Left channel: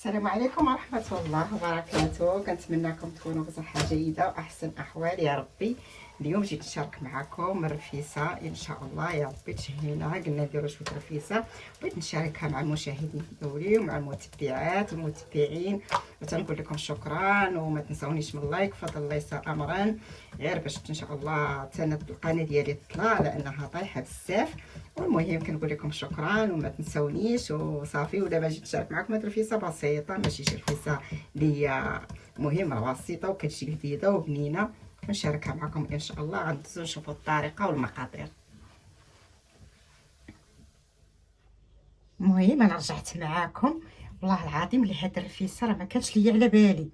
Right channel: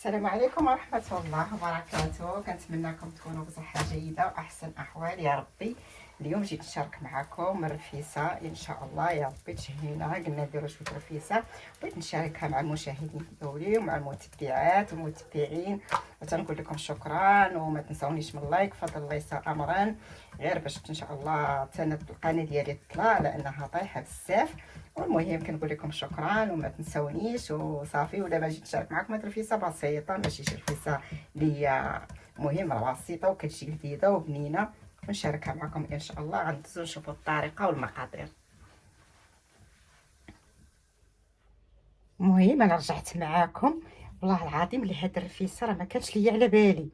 السلام عليكم ورحمة الله وبركاته. كنتمنىكم تكونوا بصحة جيدة وأحسن أحوال يا ربي. اليوم جيت نشارك معكم الرفيسة إن شاء الله يا ربي تشهينا. قلنا نديرو شوية رفيسة، بغيت نشاركها مع المشاهدين ديالي ومع المتبعات والمتبعين، وتنقول لكم شكرا وما تنسونيش من اللايك، فضل الله يسر أمرا، غير باش إن شاء الله القناة ديالي تطلع لأنها طايحة بزاف. والمهم كنقول لكم شكرا وما تنسونيش وصافي. ودابا جيت نشارك معكم هاد الرفيسه بسيطه، ماشي شي رفيسه اللي هي مهمه، بسيطه وكتجي لذيذه وبنينه. كنشاركها معكم ان شاء الله. غندوزو نشوفوا الطريقه والمقادير. المهم انا رجعت معاكم، والله العظيم اللي هاد الرفيسه راه ما كانش ليا على بالي،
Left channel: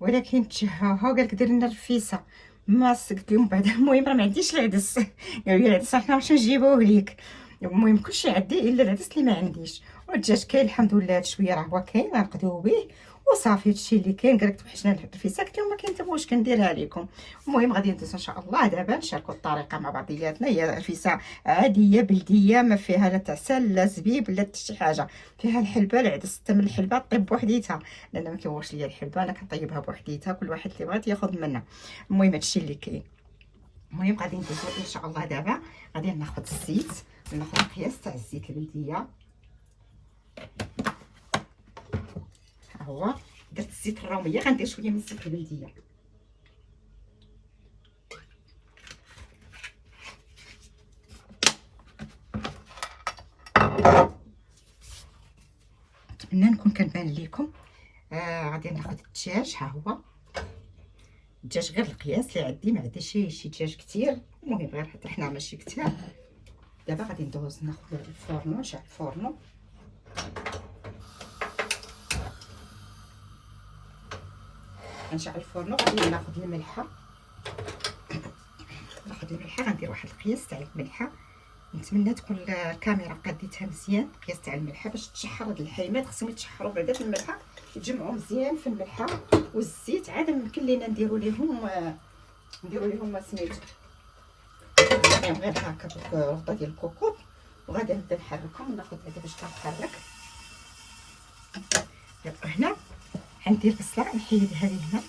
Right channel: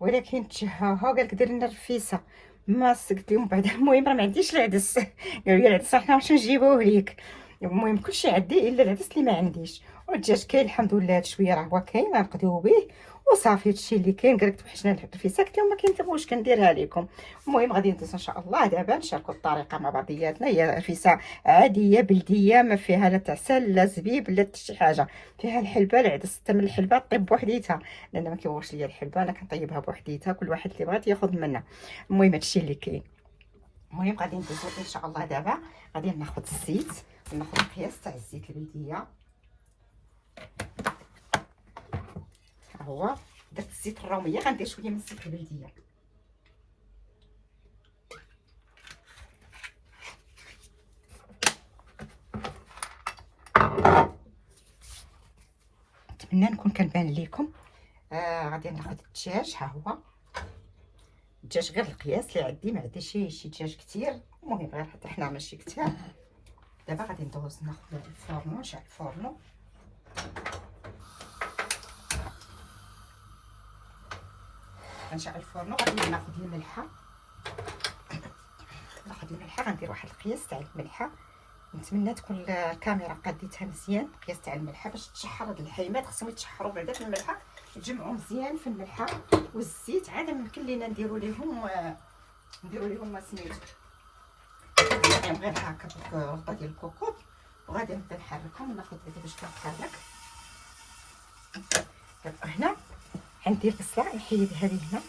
ولكن تشهاها قالك دير لنا الرفيسه. ما قلت لهم بعدا المهم راه ما عنديش العدس. قالوا لي العدس حنا باش نجيبوه ليك. المهم كلشي عندي الا العدس اللي ما عنديش. والدجاج كاين الحمد لله، هاد شويه راه هو كاين غنقدو به وصافي. هادشي اللي كاين. قالك توحشنا نحط الرفيسه، قلت لهم ما كينتبغوش كنديرها لكم. المهم غادي ندوز ان شاء الله دابا نشاركوا الطريقه مع بعضياتنا. هي رفيسه عاديه بلديه، ما فيها لا تعسل لا زبيب لا حتى شي حاجه. فيها الحلبه العدس، حتى من الحلبه طيب بوحديتها لان ما كيبغوش ليا الحلبه، انا كنطيبها بوحديتها، كل واحد اللي بغات ياخذ منها. المهم هادشي اللي كاين. المهم غادي ندوزو ان شاء الله دابا. غادي ناخذ الزيت، ناخذ القياس تاع الزيت البلديه. ها هو درت الزيت الروميه، غندير شويه من الزيت البلديه. نتمنى نكون كنبان لكم. غادي ناخذ الدجاج، ها هو الدجاج غير القياس اللي عندي، ما عنديش شي دجاج كثير. المهم غير حتى حنا ماشي كثير. دابا غادي ندوز ناخذ الفورنو، نشعل الفورنو. غنشعل الفورنو، غادي ناخذ الملحه. ناخذ الملحه، غندير واحد القياس تاع الملحه. نتمنى تكون الكاميرا قاديتها مزيان. القياس تاع الملحه باش تشحر هاد الحيمات، خصهم يتشحروا بعدا في الملحه، يتجمعوا مزيان في الملحه والزيت. عاد يمكن لينا نديروا ليهم سميتو غير هكا بالربطه ديال الكوكوط. وغادي نبدا نحركهم. ناخذ هذا باش كنحرك. هنا غندير بصله، نحيد هذه هنا.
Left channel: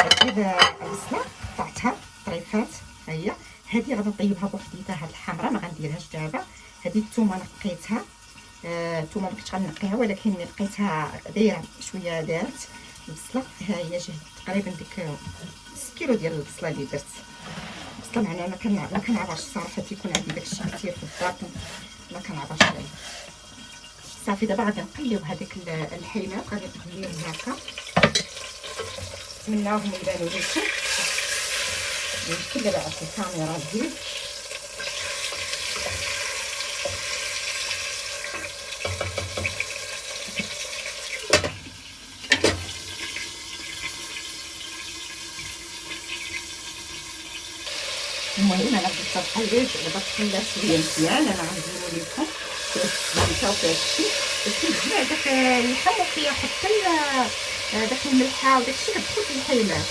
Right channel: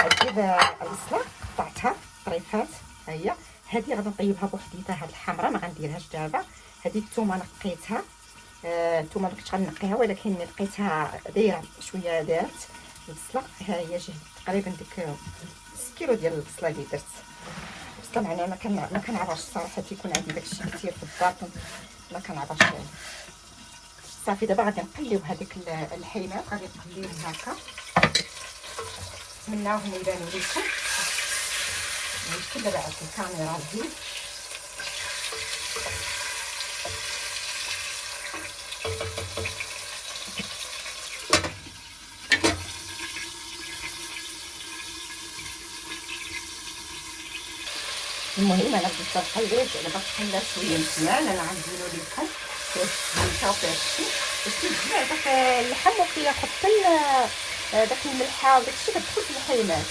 هذه البصله قطعتها طريفات، ها هي. هذه غادي نطيبها بوحديتها، هاد الحمراء ما غنديرهاش دابا. هذه الثومه نقيتها، الثومه ما كنتش غنقيها، ولكن ملي لقيتها دايره شويه دارت. البصله ها هي جهد تقريبا ديك 6 كيلو ديال البصله اللي درت. البصله معناها ما كنعرفش الصراحه، تيكون عندي داكشي كثير في الدار، ما كنعرفش. صافي دابا غادي نقليو هذيك الحيمات، غادي نقليوهم هكا. نتمناوهم يبانو لكم. المشكل دابا عاد الكاميرا الفيديو. المهم انا بغيت نقلب دابا، خلات شويه مزيان. انا غنديرو لكم غنشوفوا هادشي باش تجمع داك اللحم، وكيحط داك الملحه وداكشي كتدخل في الحيمات.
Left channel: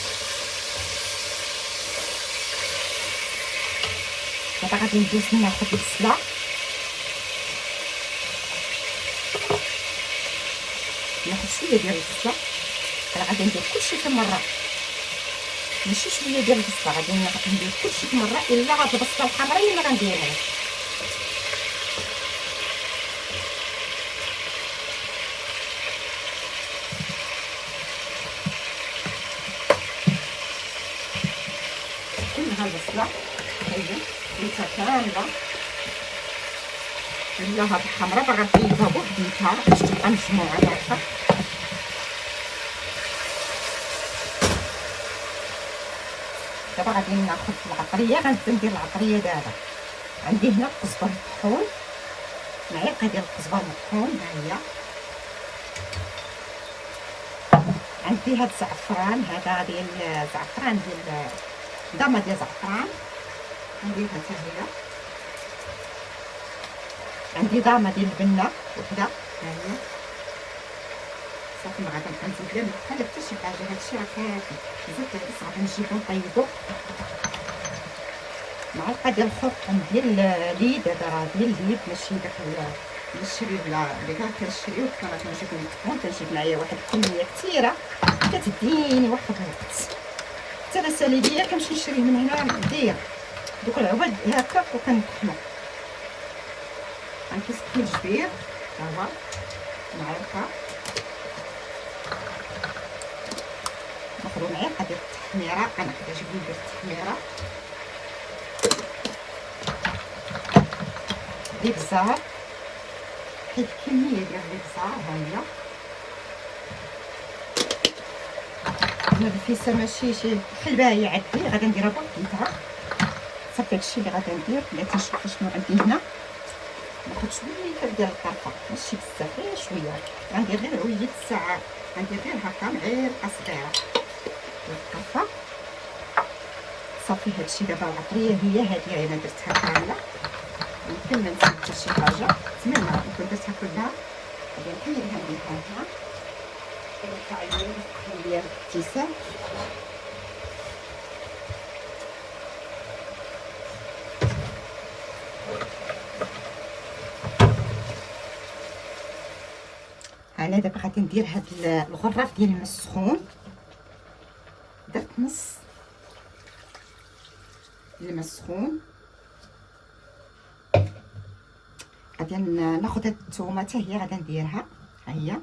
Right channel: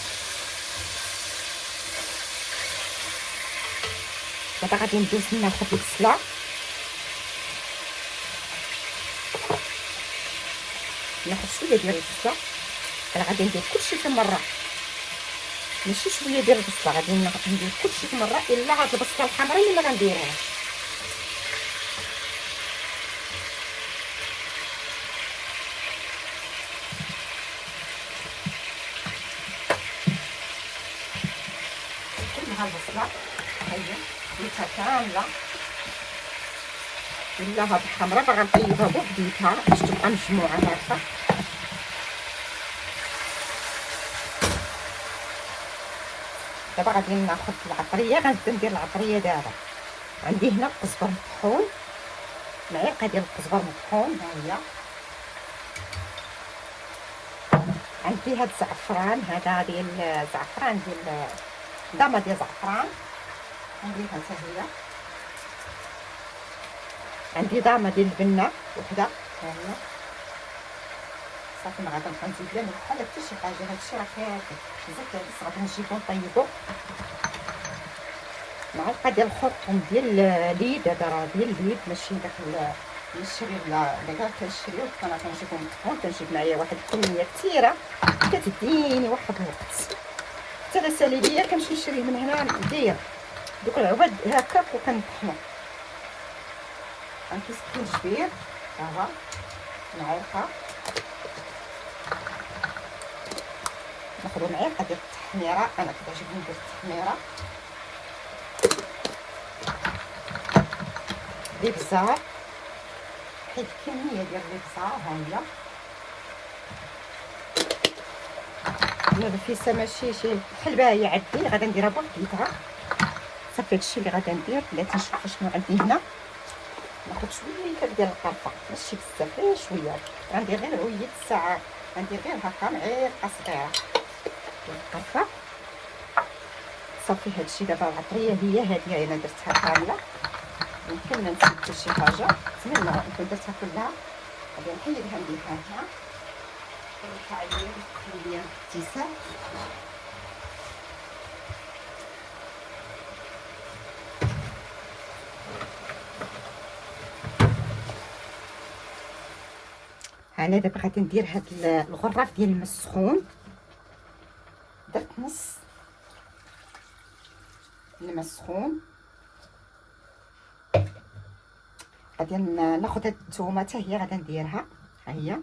دابا غادي ندوز ناخذ البصله، ناخذ شويه ديال البصله. انا غادي ندير كلشي في مره، ماشي شويه ديال البصله، غادي ندير كلشي في مره، الا هاد البصله الحمراء اللي ما غنديرهاش. كلها البصله هي متكامله. الا هاد الحمراء باغا نطيبها بوحديتها باش تبقى مجموعه مرحبا. دابا غادي ناخذ العطريه، غنبدا ندير العطريه دابا. عندي هنا قزبر مطحون، معلقه ديال القزبر مطحون، ها هي. عندي هاد الزعفران، هذا ديال الزعفران ديال ضامه ديال الزعفران، نديرها حتى هي. عندي ضامه ديال البنه وحده، ها هي. صافي ما غادي نبقى نزيد لا ملح لا حتى شي حاجه. هادشي راه كافي. زيت العدس غادي نجيبو نطيبو. معلقه ديال الخرق ديال الليد، هذا راه ديال الليد ماشي داك نشري بلا كاع كنشري وانا كنجيب من الطحون كنجيب معايا واحد الكميه كثيره كتديني واحد الوقت. حتى لا سالي كنمشي نشري من هنا داير دوك العباد هكا وكنطحنو. غنكيس الجبير ها معلقه، ناخذ معلقه ديال التحميره، انا كتعجبني ندير التحميره، الابزار واحد الكميه ديال الابزار ها هي. انا الفيسه ماشي شي حلبه هي عندي غادي نديرها بوحديتها صافي. هادشي اللي غادي ندير. بغيت نشوف شنو عندي هنا. ناخذ شويه ديال القرفه ماشي بزاف غير شويه، غندير غير عوية الساعه، غندير غير هكا معلقه صغيره ديال القرفه صافي. هادشي دابا العطريه هي هادي انا درتها كامله، يمكن ما نسيت حتى شي حاجه زعما نكون درتها كلها. غادي نحيدها نديرها هنا كنرفع ديال الابتسام. انا دابا غادي ندير هاد الغراف ديال الماء السخون، درت نص الماء السخون. غادي ناخذ هاد الثومه حتى هي غادي نديرها ها هي.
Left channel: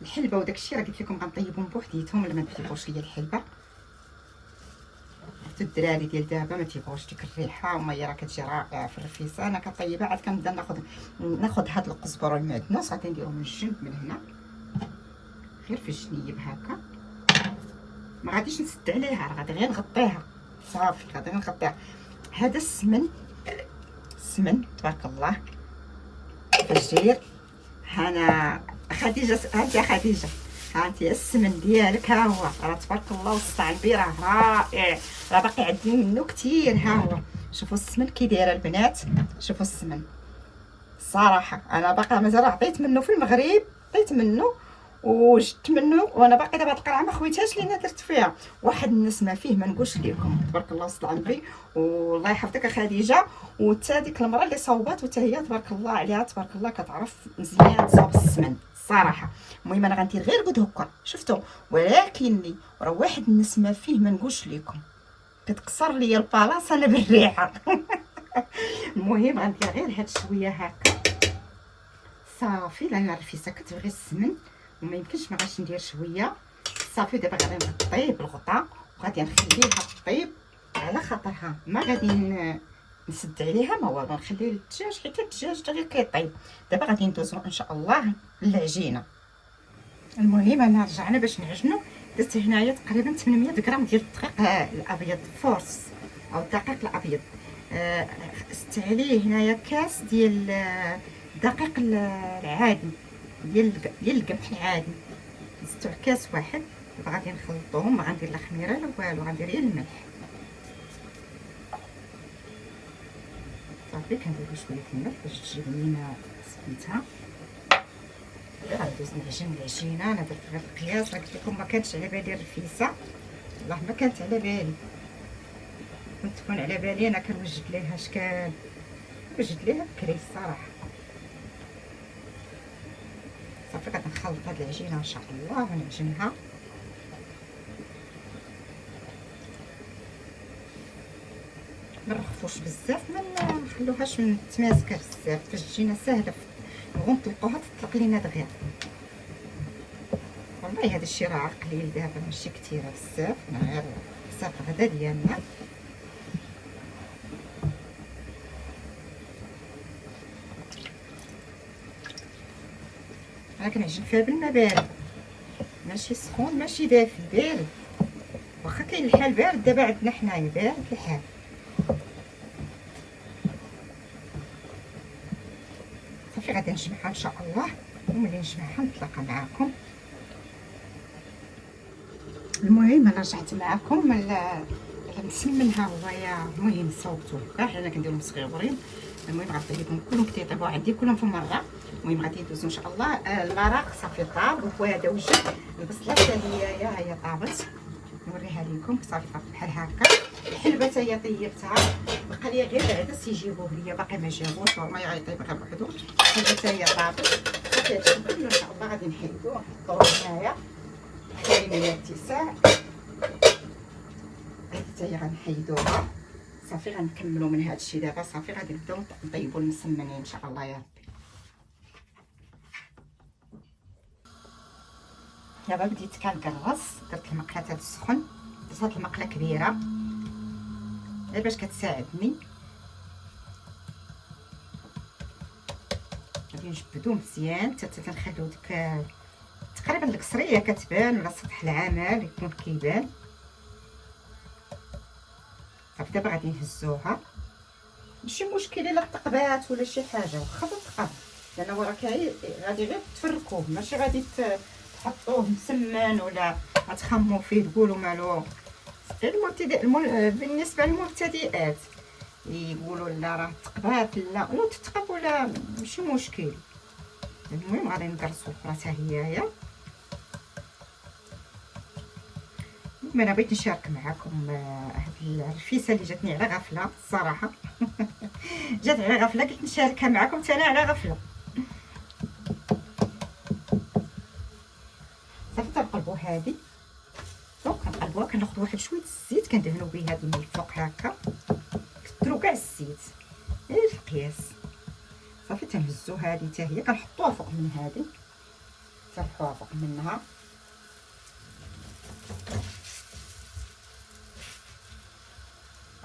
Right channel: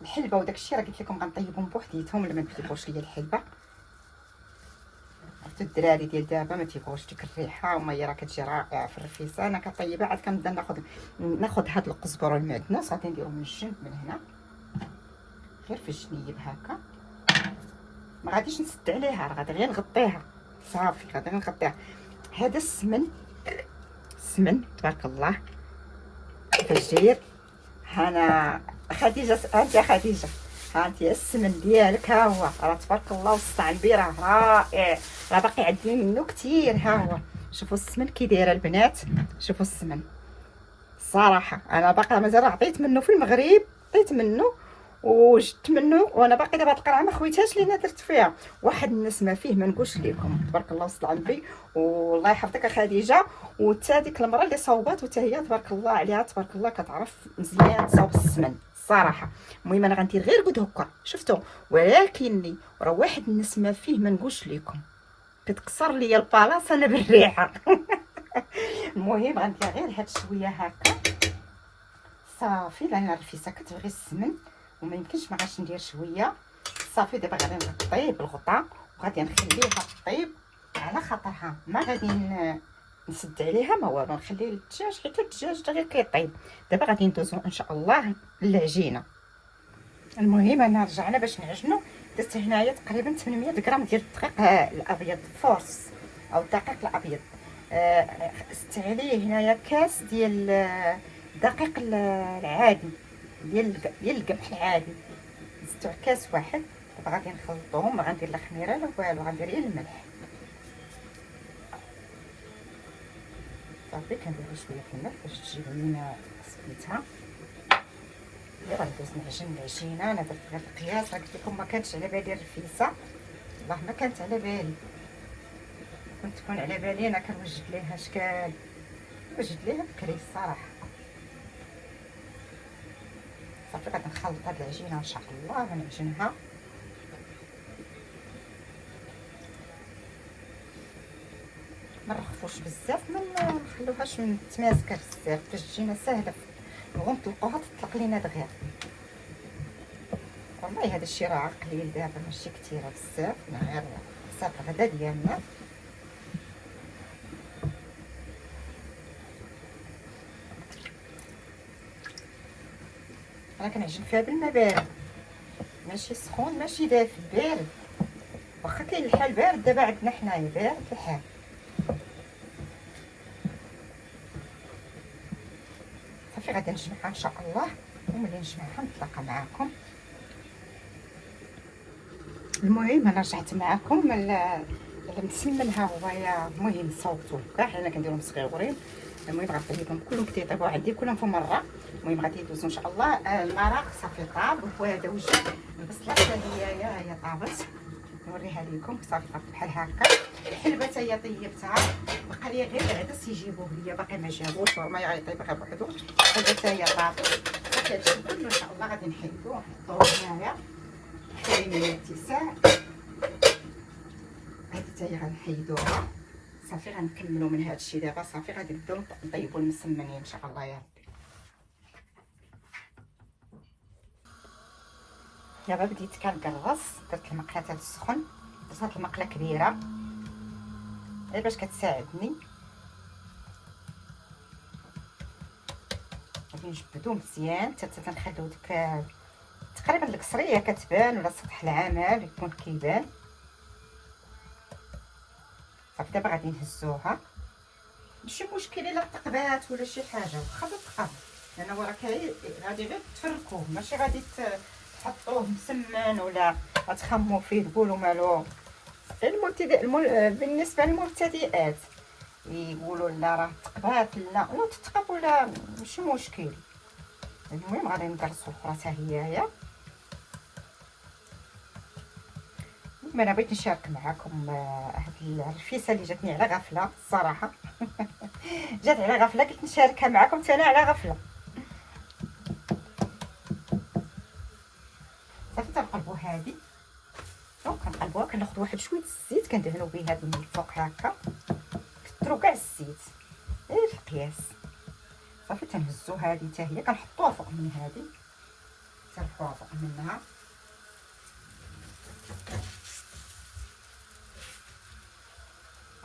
الحلبه وداكشي راه قلت لكم غنطيبهم بوحديتهم لما تيبغوش ليا الحلبه. عرفتوا الدراري ديال دابا ما تيبغوش ديك الريحه، وما هي راه كتجي رائعه في الرفيسه. انا كطيبها عاد كنبدا ناخذ هاد القزبر والمعدنوس غادي نديرهم من الجنب من هنا غير في الجنيب هكا. ما غاديش نسد عليها، راه غادي غير نغطيها صافي، غادي نغطيها. هذا السمن تبارك الله فجير. هنا خديجه، انت خديجه ها انت السمن ديالك ها هو، راه تبارك الله واستعنبي راه رائع، راه باقي عندي منه كثير. ها هو شوفوا السمن كي دايره البنات، شوفوا السمن الصراحه. انا باقي مازال عطيت منه في المغرب، عطيت منه وجدت منه، وانا باقي دابا القرعه ما خويتهاش لينا درت فيها واحد النسمه فيه ما نقولش لكم. تبارك الله وصل عندي والله يحفظك خديجه. وتا ديك المراه اللي صوبات وتا هي تبارك الله عليها، تبارك الله كتعرف مزيان تصاوب السمن الصراحه. المهم انا غندير غير قد هكا شفتوا، ولكن راه واحد النسمه فيه ما نقولش لكم، كتكسر ليا البلاصه انا بالريحه. المهم غندير غير هاد شويه هكا صافي، لان الرفيسه كتبغي السمن وما يمكنش ما غاش ندير شويه صافي. دابا غادي نغطيه بالغطاء وغادي نخليها طيب على خاطرها، ما غادي نسد عليها ما والو، نخلي الدجاج حيت الدجاج حتى غير كيطيب. دابا غادي ندوزو ان شاء الله للعجينه. المهم انا رجعنا باش نعجنو. درت هنايا تقريبا 800 غرام ديال الدقيق الابيض فورس او الدقيق الابيض. زدت عليه هنايا كاس ديال الدقيق العادي ديال القمح العادي، زدت كاس واحد. وغادي نخلطهم، ما غندير لا خميره لا والو، غندير غير الملح صافي. كندير شويه الملح باش تجي بنينه سميتها. غندوز نعجن العجينه. انا درت غير القياس، قلت لكم ما كانتش على بالي الرفيسه، والله ما كانت على بالي. كنت تكون على بالي انا كنوجد ليها اشكال، وجد ليها بكري الصراحه. صافي غادي نخلط هاد العجينه ان شاء الله ونعجنها. ما نرخفوش بزاف، ما نخلوهاش متماسكه بزاف باش تجينا ساهله نبغيو نطلقوها تطلق لينا دغيا. والله هذا الشيء راه قليل دابا ماشي كثيره بزاف، غير حساب الغدا ديالنا. راه كنعجن فيها بالماء بارد ماشي سخون ماشي دافي، بارد. واخا كاين الحال بارد دابا عندنا حنايا بارد الحال. صافي غادي نجمعها ان شاء الله، وملي نجمعها نتلاقى معكم. المهم انا رجعت معكم المسمن ها هو. يا المهم صوبتو كاع حنا كنديرهم صغيورين. المهم غنخليكم كلهم كيطيبوا عندي كلهم في مره. المهم غادي يدوزوا ان شاء الله. المرق صافي طاب وهذا وجد البصله حتى هي طابت، نوريها لكم صافي طابت بحال هكا. الحلبه حتى هي طيبتها، بقى لي غير العدس يجيبوه ليا، باقي ما جابوش، ما يطيب غير بوحدو. هذا حتى هي طابت، صافي هادشي كله ان شاء الله غادي نحيدوه نحطوه هنايا كاين الاتساع. هادي حتى هي غنحيدوها صافي. غنكملوا من هادشي دابا صافي، غادي نبداو نطيبوا المسمنين ان شاء الله يا ربي. دابا بديت كنكرس، درت المقله هاد السخن، درت هاد المقله كبيره غير باش كتساعدني. غادي نجبدو مزيان حتى تنخليو ديك تقريبا الكسريه كتبان ولا سطح العمل يكون كيبان. صافي دابا غادي نهزوها، ماشي مشكل الا تقبات ولا شي حاجه، واخا تقب لان هو راه غادي غير تفركوه، ماشي غادي تحطوه مسمن ولا غتخمو فيه تقولوا مالو. بالنسبه للمبتدئات يقولوا لا راه تقبات، لا تتقب ولا ماشي مشكل. المهم غادي نقرصوا الاخرى حتى هي. انا بغيت نشارك معكم هاد الرفيسه اللي جاتني على غفله الصراحه. جات على غفله، قلت نشاركها معكم حتى انا على غفله. صافي تنقلبوا هادي، كنقلبوها، كناخذ واحد شويه الزيت كندهنوا به هاد من الفوق هكا، كثروا كاع الزيت غير في القياس. صافي تنهزوا هادي حتى هي كنحطوها فوق من هادي، ترفعوها فوق منها.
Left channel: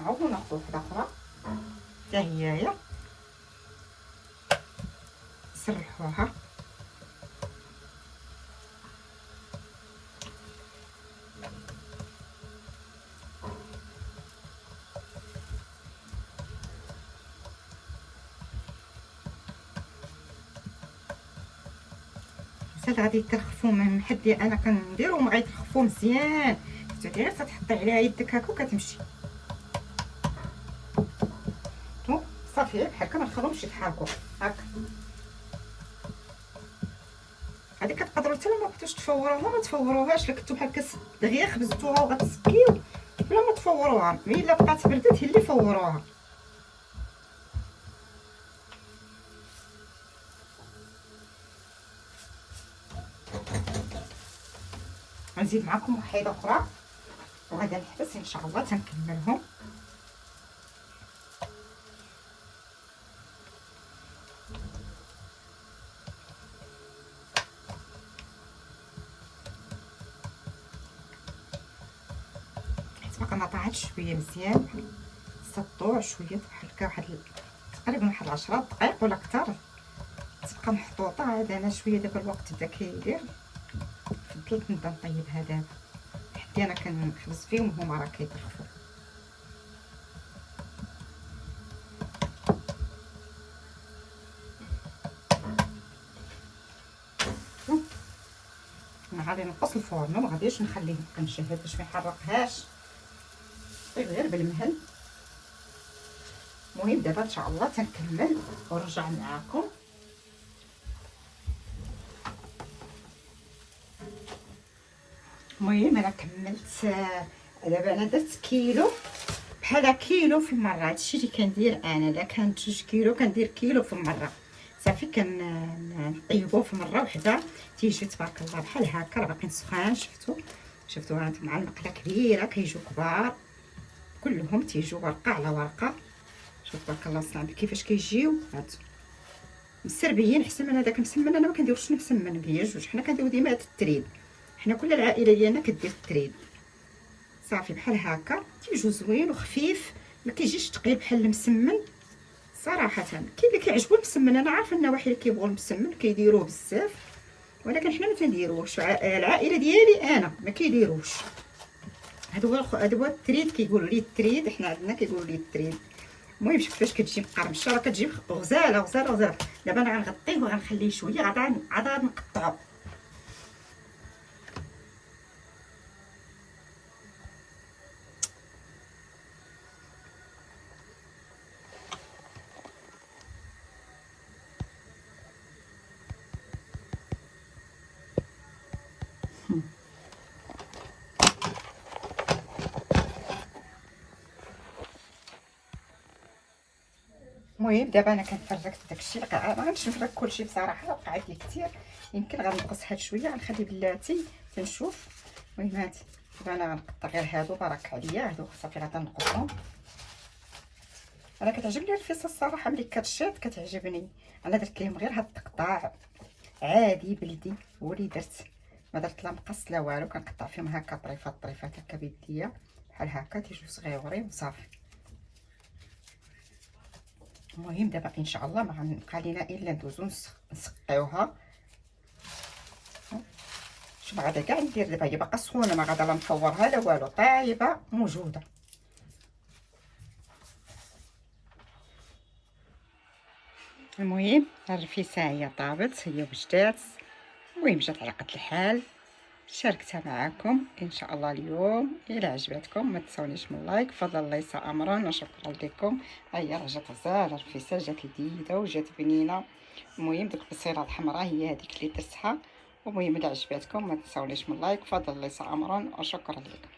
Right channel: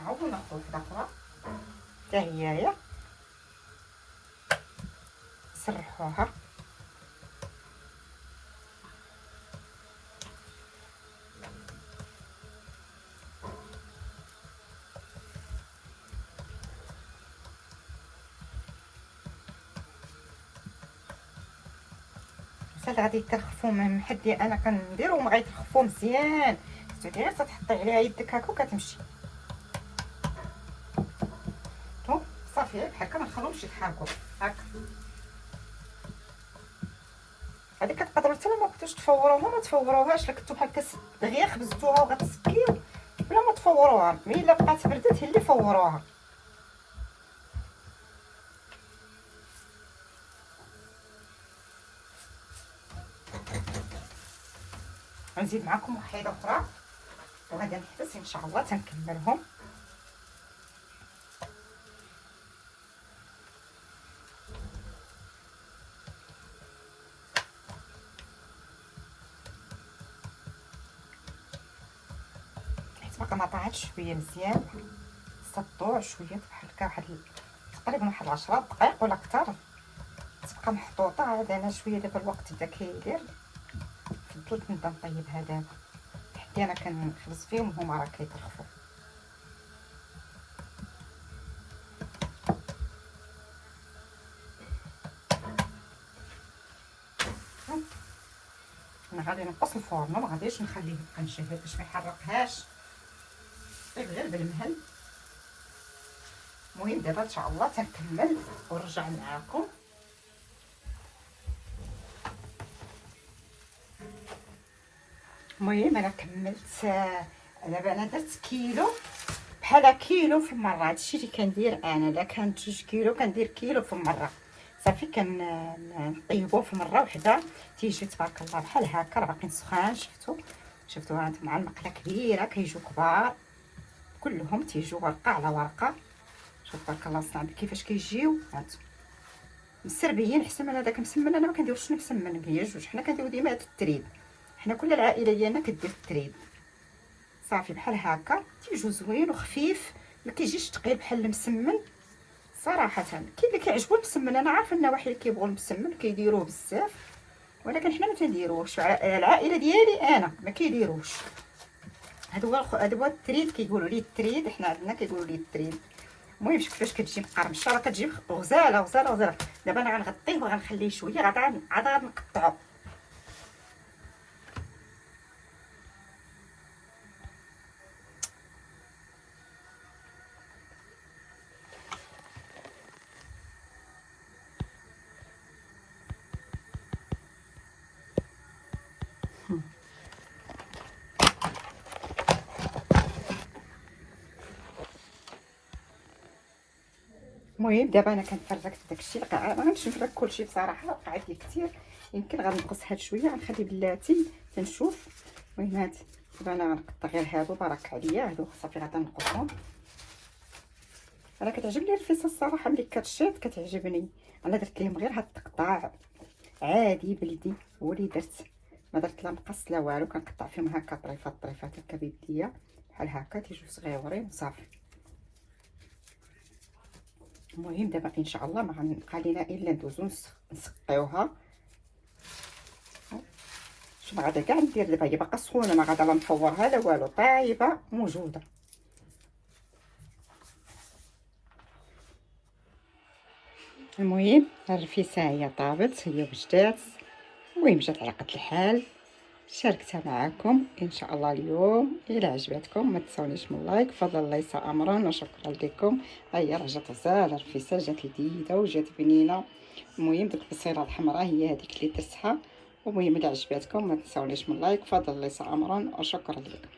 عاودوا ناخذ وحده اخرى حتى هي نسرحوها. هاد غادي يترخفوا من حدي انا كنديرهم، غيترخفوا مزيان. غير تحطي عليها يدك هكا وكتمشي. صافي بحال هكا، ما نخلوهمش يتحركوا هكا. هادي كتقدروا حتى ما بغيتوش تفوروها ما تفوروهاش، الا كنتو بحال دغيا خبزتوها وغتسكيو بلا ما تفوروها، مي الا بقات بردات هي اللي فوروها. غنزيد معكم وحيده اخرى وغادي نحبس ان شاء الله تنكملهم. حيت باقا ما طاعتش شويه مزيان، سطوع شويه بحال هكا، واحد تقريبا واحد 10 دقائق ولا اكثر تبقى محطوطه. هذا انا شويه دابا الوقت بدا كيدير، فضلت نبدا نطيبها دابا حتى انا كنخبز فيهم وهما راه كيطرفوا. انا غادي نقص الفرن، ما غاديش نخليه كنشهر باش ما يحرقهاش، غير بالمهل. المهم دابا ان شاء الله تنكمل ونرجع معاكم. المهم انا كملت دابا، انا درت كيلو بحال كيلو في المره. هادشي اللي كندير انا، الا كان 2 كيلو كندير كيلو في المره. صافي كنطيبوه في مره وحده تيجي تبارك الله بحال هكا، راه باقيين سخان. شفتوا هاد مع المقله كبيره كيجيو كبار كلهم، تيجيو ورقه على ورقه. شوف تبارك الله صنع كيفاش كيجيو هاد مسربيين. احسن من هذاك مسمن، انا ما كنديروش مسمن هي جوج، حنا كنديرو ديما هاد التريد، حنا كل العائله ديالنا كدير التريد. صافي بحال هكا تيجو زوين وخفيف، ما كيجيش ثقيل بحال المسمن صراحه. كاين اللي كيعجبو المسمن، انا عارفه النواحي اللي كيبغوا المسمن كيديروه بزاف، ولكن حنا ما تنديروش. العائله ديالي انا ما كيديروش. هذا هو التريد، كيقولوا ليه التريد، حنا عندنا كيقولوا ليه التريد. المهم شوف كيفاش كتجي مقرمشه، راه كتجي غزاله غزاله غزاله. دابا انا غنغطيه وغنخليه شويه، عاد غنقطعو. المهم دابا انا كنفركت داكشي، ما غنمشي نفرك كلشي بصراحه، وقعت لي كثير، يمكن غنقص هاد شويه، غنخلي بلاتي تنشوف. المهم هادي دابا انا غنقطع غير هادو، بارك عليا هادو صافي غنقصهم. انا كتعجبني الرفيسه الصراحه، ملي كتشيط كتعجبني. انا درت لهم غير هاد التقطاع عادي بلدي، هو اللي درت، ما درت لا مقص لا والو، كنقطع فيهم هكا طريفات طريفات هكا بيديا بحال هكا تيجيو صغيورين وصافي. المهم دابا ان شاء الله ما غنبقى لينا الا ندوزو نسقيوها. شوف غادا كاع ندير دابا، هي باقا سخونه، ما غادا لا نفورها لا والو، طايبه موجوده. المهم الرفيسه هي طابت، هي وجدات. المهم جات على قد الحال، شاركتها معكم ان شاء الله اليوم. الى عجبتكم ما تنسونيش من لايك، فضل ليس امرا، وشكرا لكم. هيا راه جات غزاله الرفيسه، جات لذيذه وجات بنينه. المهم ديك البصيله الحمراء هي هذيك اللي درتها. المهم الى عجبتكم ما تنسونيش من لايك، فضل ليس امرا، وشكرا لكم.